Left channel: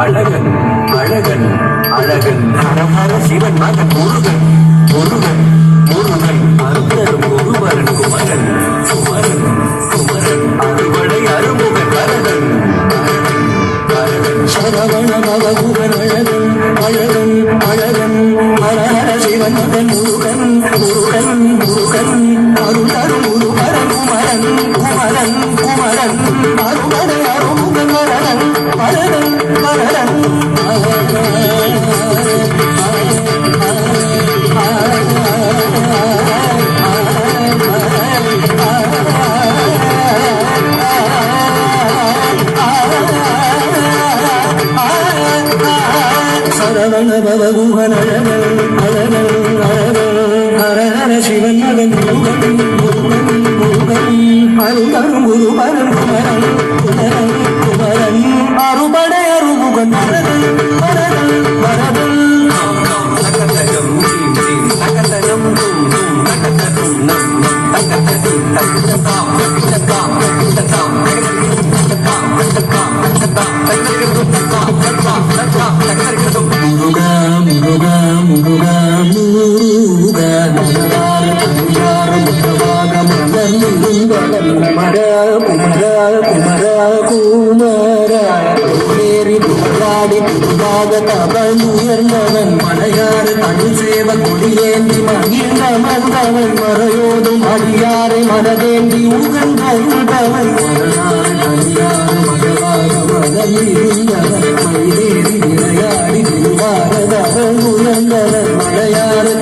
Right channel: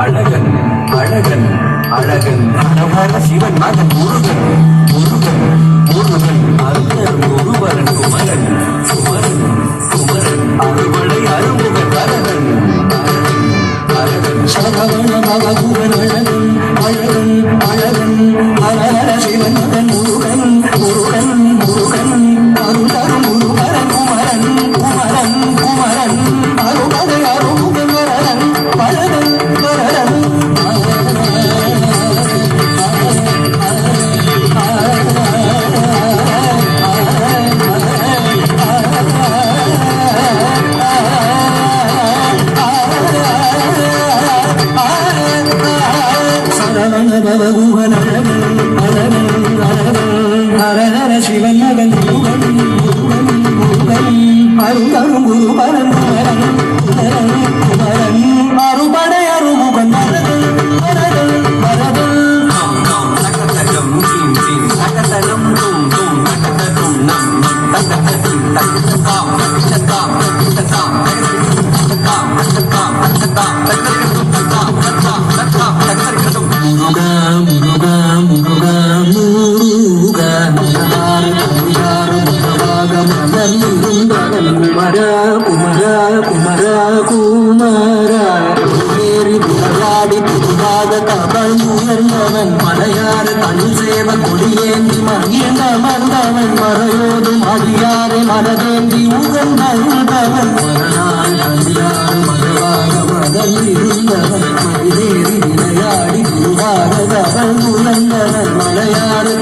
அழகன் அழகன் அழகன் அழகர சிவன் மகன் முருகன் முருகன் முருகன் அருகர் முருகன் குமரன் குமரன் குமரன் அருகொடை அருமுக கரகன் அழகன் அழகன் சரவண பவகுகன் அழகன் அழகன் அழகன் அழகர சிவன் மகன் முருகன் முருகன் முருகன் அருகர் முருகன் குமரன் குமரன் குமரன் அருகொடை அருமுகன் கரகன் அழகன் பவகுகன் அழகன் அழகன் அழகன் ஹரஹர சிவன் மகன் முருகன் முருகன் அருகரும் குருபரன் குமரன் குமரன் குமரன் அருபடை அருமுகன் வரதன் வரதன் வரதன் உயர்ந்தவன் மலையாறு தமிழ் சேவன் கொடியேந்தி மகிழ்ந்த மன்னவன் மறையோடும் அடியாரை மனதேந்தி உகந்தவன் இருந்தவன் விளையாடி பாரதவன் உயர்ந்தவன் மலையாறு